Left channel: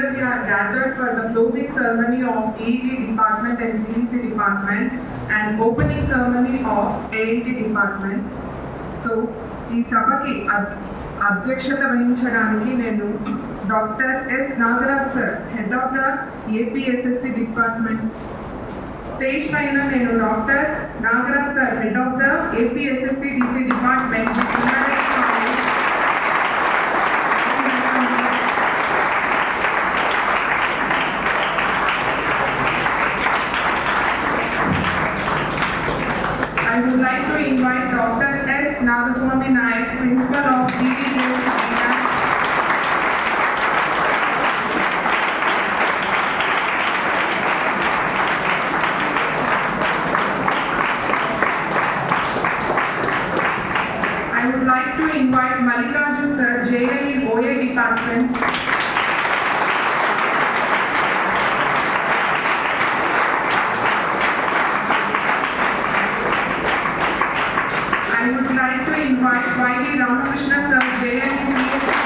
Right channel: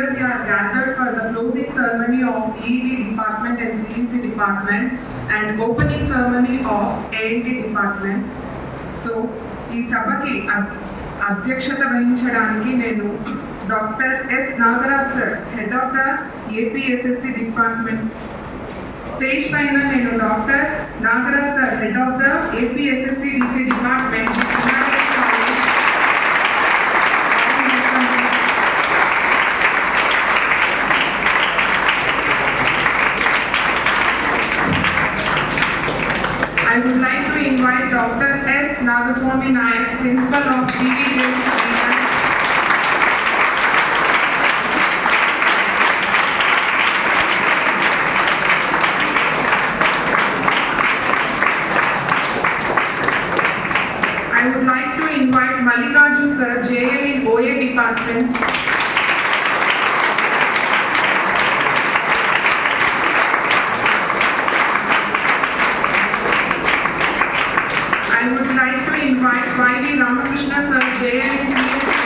here we are gathered for the closing ceremony of EET department and CEC department and opening ceremony of ANT department. So, ఈ సభకి అధ్యక్షత వహించడానికి నేను doctor yes Nagaraj sir, head of the APSSC department, stage పైన నేను డాక్టర్ Nagaraj sir, head of the APSSC DC department, I would like to invite Dr. S. Nagaswamy Naik, Principal of GVS. I would like to invite Mallikarjun Sir, JL in OA Department. I would like to invite Y.D. Ramakrishna Sir, JL in CS.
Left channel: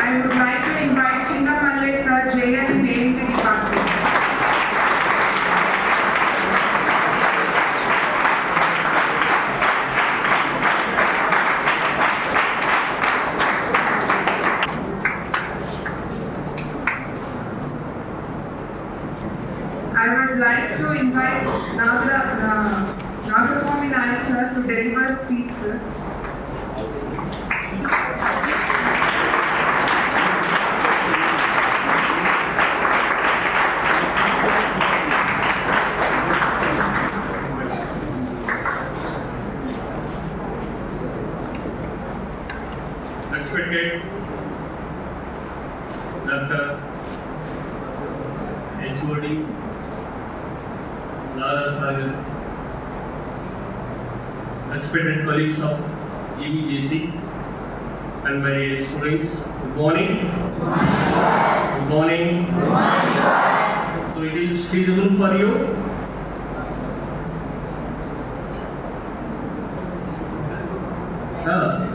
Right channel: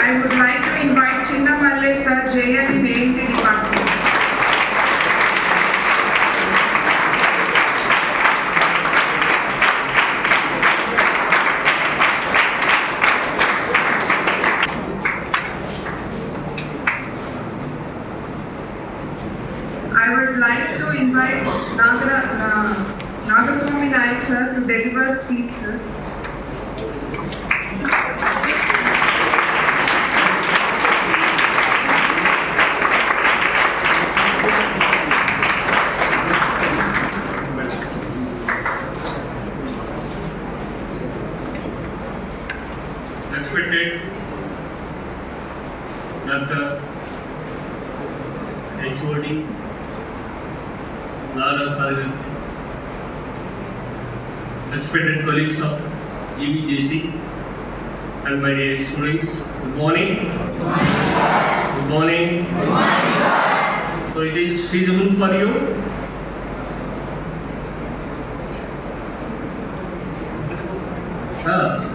I would like to invite Chinnamalle Sir, JL in ANT department. I would like to invite Nagaswamy Naik Sir to deliver speech, sir. Respected Dr. HOD Lara Sagar, respected colleagues of GVJC and my dear students, good morning. Good morning. So it is feasible for you?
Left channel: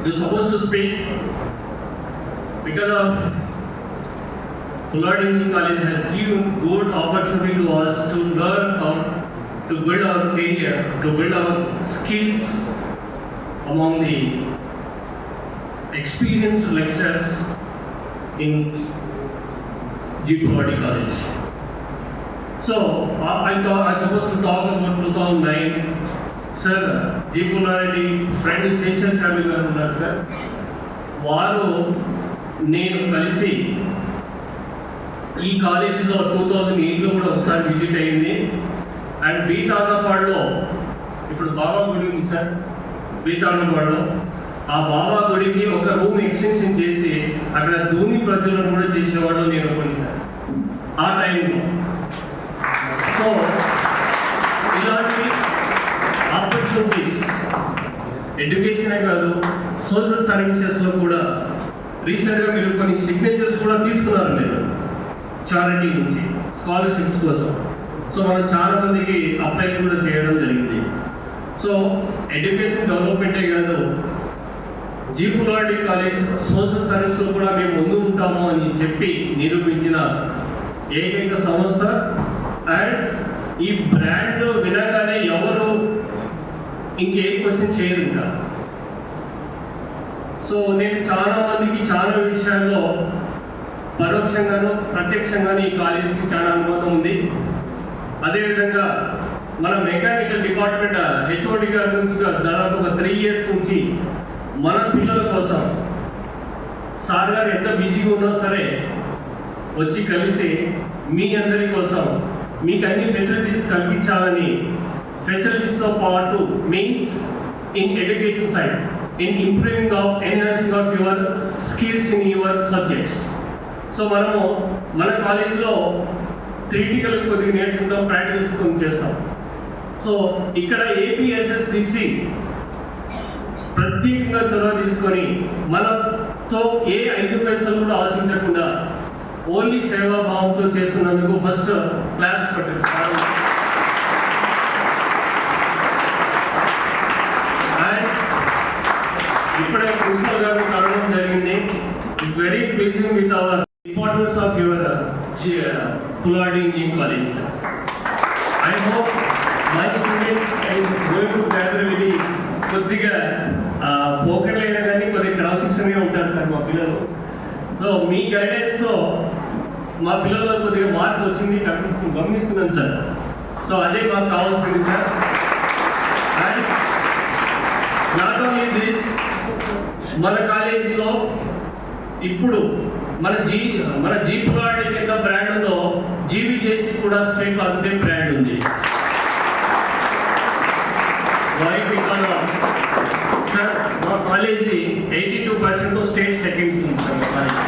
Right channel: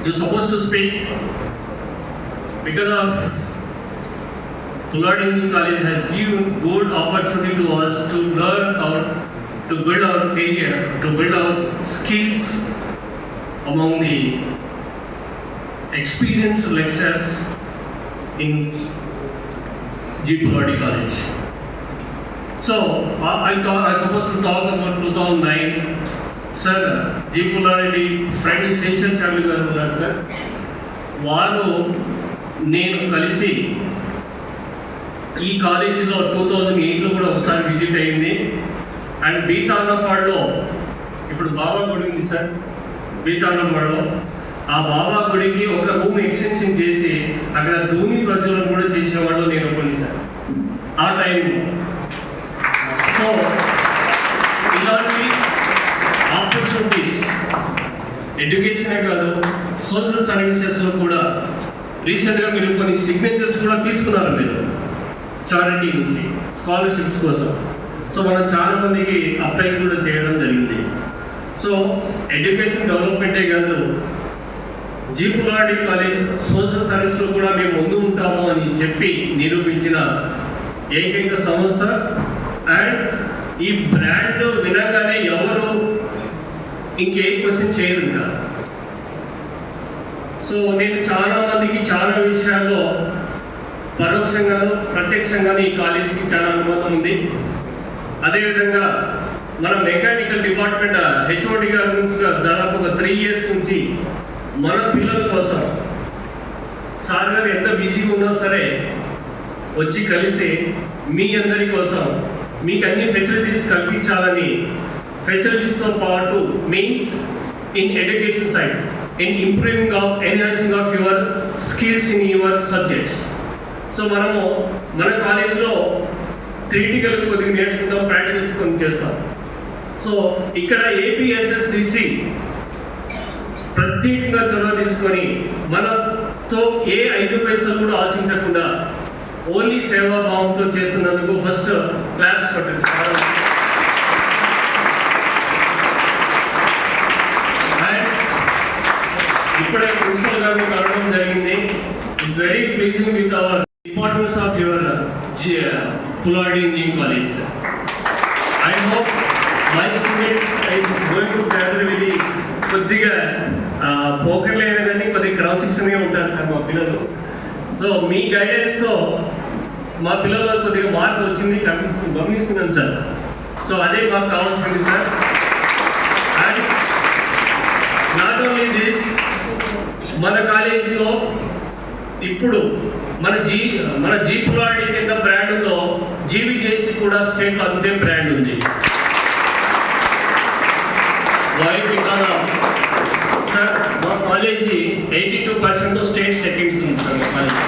You're supposed to speak because of Pullard Engineering College has given good opportunity to us to learn how to build our career, to build our skills among the experienced lecturers in G. Pullard College. So I'm supposed to talk about 2009. Sir, G. Pullard friend Session Chamber garu unnaru sir. వారు నేను కలిసి ఈ కాలేజీలో 2008లో కూడా ఒకసారి విజిట్ అయింది. అండ్ బీతాండపాడులో ఇప్పుడు బాబా గుడి ఉంది సార్, బీతాండపాడులో ఆ బాబా గుడికి ఒక రూమ్ ఎక్స్టెన్షన్ చేసి అక్కడ ధూని ప్రజ్వలన కూడా చేసేవాడు నేను కొన్ని సార్ ఆ టైంలో. సో ఇలాంటి ఆపర్చునిటీస్ ఎడ్యుకేషనే కాదు, సోషల్ సర్వీసెస్లో కూడా రీసెంట్గా మీరు కొన్ని సిగ్నేచర్స్ కూడా తీసుకున్నారు మీరు చారిటీ నుంచి స్కాలర్షిప్స్ కోసం. సో మనం చాలా మందికి అప్లై కూడా చేయడం జరిగింది. సో ఎడ్యుకేషన్ డెవలప్మెంటే కాదు, జీ పుల్లారెడ్డి కాలేజ్ సోషల్ సర్వీస్లో కూడా మేము ముందు ఉంటాము అని చెప్పి నిరూపించిన ఏకైక సంస్థ. అండ్ ఈ బ్రాండ్ వినగానే ఎవరు ఇంకే క్వశ్చన్ చేయదు ఇంకా. సో నేను చాలా మందికి చాలా విషయాల్లో పరోక్షంగాను ప్రత్యక్షంగాను ఈ కాలేజీకి చాలా అనుభవం ఉంది. అదేవిధంగా మన మెకానికల్ డిపార్ట్మెంట్ హెచ్ఓడి గారి నుంచి దాదాపు ఒక 3 years నుంచి మన పిల్లల కోసం సార్ గారు ఎంత బిజీగా ఉన్నా సరే వచ్చి కలిసి మీ అందరి కోసం మీకు అన్ని ఫెసిలిటీస్ కల్పించాలని, ఫెసిలిటీస్తో పాటు means in education side, in improving of enhancing of your skills in your subjects. So మనము మన కాలేజీలో థియరిటికల్ కొద్దిగా నేర్చుకుంటాం, ప్రాక్టికల్స్ కొన్ని చేస్తాం. సో ఇక్కడ ఏపీఎస్ఎస్డిసి ప్రత్యేకంగా చొరవ తీసుకొని మనతో ఏ 5 పైసలు కూడా ఆశించకుండా ఓన్లీ సేవాభావంతో చేస్తున్నందుకు ఫస్ట్ క్లాప్స్ పట్టండి. ఇప్పుడే ప్రిన్సిపల్ గారిని కలవడం జరిగింది. Very pleasing with our importance of your పుల్వాడి engineering college. I hope my students I going to gather very కొద్దిగా పోకర్ లేదా కానీ కొద్దిగా క్రమశిక్షణగా ఉంటారు సార్ మా పిల్లలు. సో మీ గైడెన్స్తో మా పిల్లలు కొద్దిగా మార్పు వచ్చింది గమనిస్తున్నాను సార్. సో అదే మాకు కావాల్సింది sir. And not only this, మన కాలేజీలో ఇప్పుడు మన జీ పుల్వాడి కింద బ్రాండ్ ఉందో జీవీజేసీ కూడా స్టేట్లో అంతే బ్రాండ్ ఉంది. సార్ మా కాలేజీ 82% స్టేట్ సెకండ్స్ ఉంది సార్ మా college.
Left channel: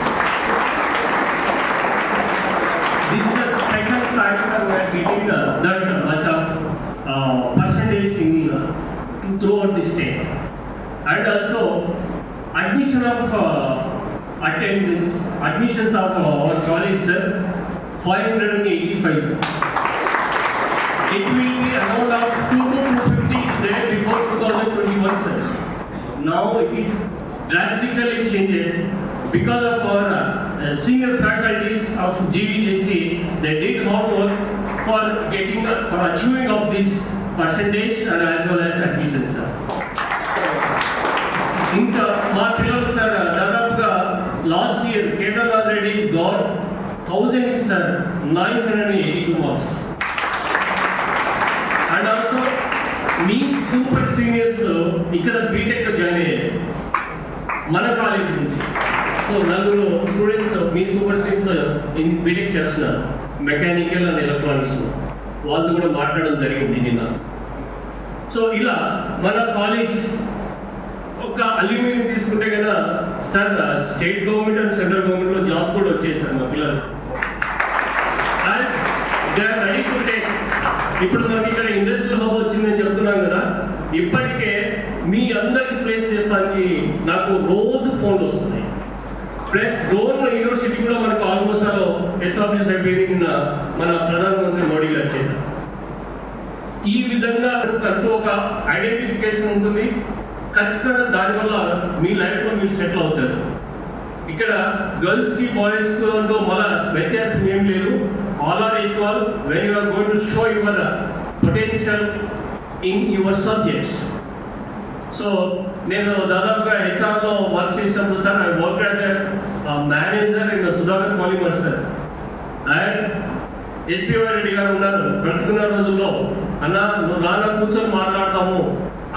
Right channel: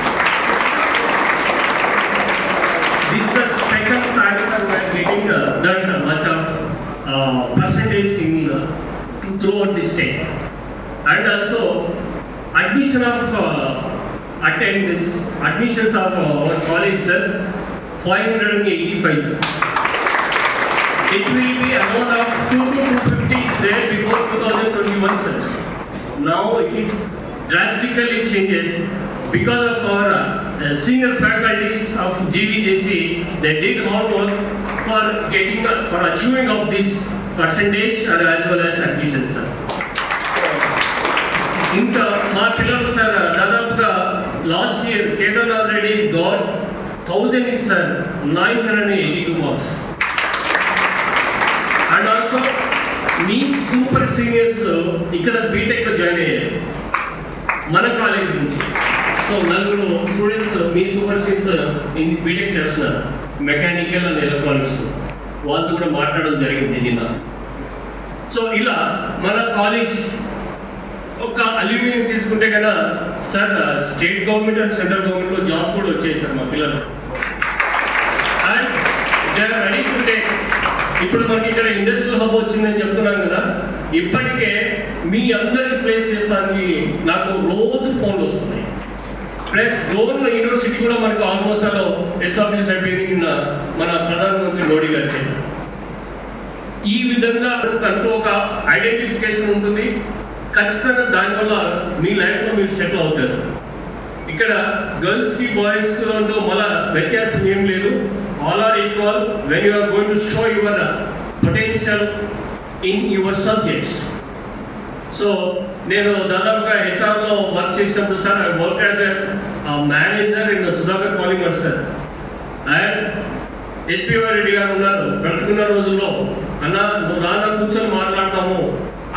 This the second platform we are getting that much of percentage in throughout the state. And also admissions of our college, sir, 585. It will be amount of 2 to 250 there before 2021, sir. Now it is drastically changes because of our senior faculties of GVJC. They did hard work for achieving of this percentage and as well as admissions, sir. ఇంకా మా పిల్లలు సార్ దాదాపుగా last year Kedarnath Reddy గాట్ 1000 సార్ 982 marks. And also me super seniors ఇక్కడ BTech join అయ్యారు మన కాలేజ్ నుంచి. సో 4 స్టూడెంట్స్ మీ super seniors BTech చేస్తున్నారు mechanical and electronics. వాళ్ళతో కూడా మాట్లాడడం జరిగింది నిన్న. సో ఇలా మన కాలేజ్ ఒక అల్యూమినియం తీసుకుంటే కదా sir, state government and central గవర్నమెంట్లో జాబ్ కూడా వచ్చాయి సార్ మా పిల్లలు. And they are ready to take. ఇప్పుడు మనకి ఇక్కడ ఇండస్ట్రియల్ హబ్ వచ్చిందని చెప్తున్నాం కదా, ఇప్పటికే మీ అందరికి ప్లేస్ చేస్తానికి నాకు రోజు ఫోన్లు వస్తున్నాయి. ప్లస్ డోన్ యూనివర్సిటీ కూడా మనకు ఆల్మోస్ట్ అలా ఎస్టాబ్లిష్ అయిపోయింది నిన్న మన ప్రధానమంత్రి మోడీ గారు చెప్పారు. ఈ విధంగా కంటూ ఒక ఐడెంటిఫికేషన్ ఉంటుంది. ఖచ్చితంగా దానివల్ల మీ లైఫ్లో మీరు సెటిల్ అవుతారు. ఇక్కడ గర్ల్స్కి బాయ్స్కి అంటూ మళ్ళీ వ్యత్యాసం ఏం లేదు. All are equal when you are going to show your potential in your subjects. So నేను దాదాపుగా హెచ్ఆర్లో వర్క్ చేసినప్పుడు sir I work as manager in Sudhakar polymers sir. And SPY Reddy garu ఉన్నారు బ్రతుకున్న రోజుల్లో, అన్న నువ్వు రానా కూర్చొని మాట్లాడతాము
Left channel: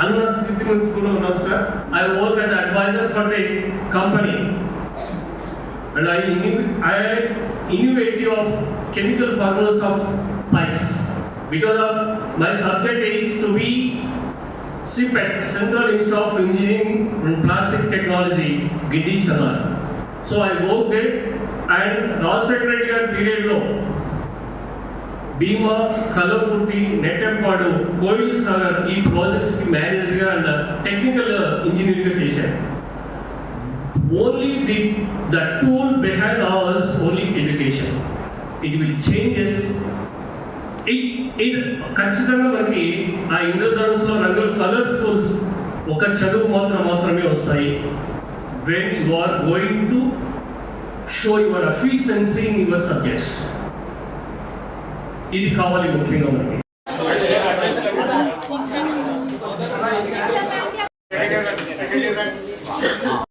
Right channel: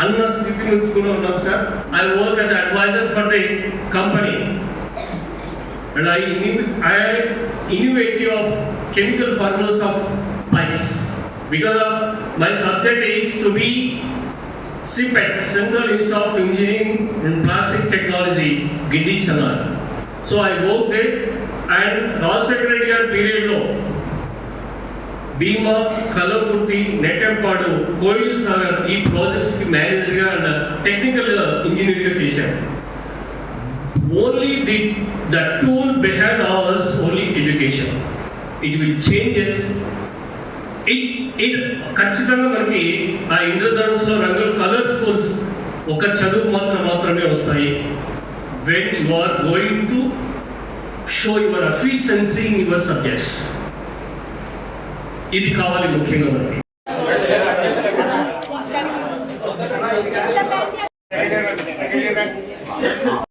అన్న స్థితి నుంచి కూడా ఉన్నాం sir. I work as adviser for the company and I innovative of chemical formulas of pipes because of my subject is to be CPET, Central Institute of Engineering and Plastic Technology, Gindi Chennai. So I worked there and Rajasekhar Reddy గారి పీరియడ్లో భీమా, కలకుర్తి, నెట్టెంపాడు, కోయిల్ సాగర్ ఈ ప్రాజెక్ట్స్కి మేనేజర్గా and technical ఇంజనీర్గా చేశాను. Only the tool behind hours only education. It will changes. ఖచ్చితంగా మనకి ఆ ఇంద్రధనుస్సులో రంగులు కలర్ఫుల్స్ ఒక చదువు మాత్రమే వస్తాయి. When you are going to show your efficiency in your subjects. ఇది కావాలి ముఖ్యంగా మనకి.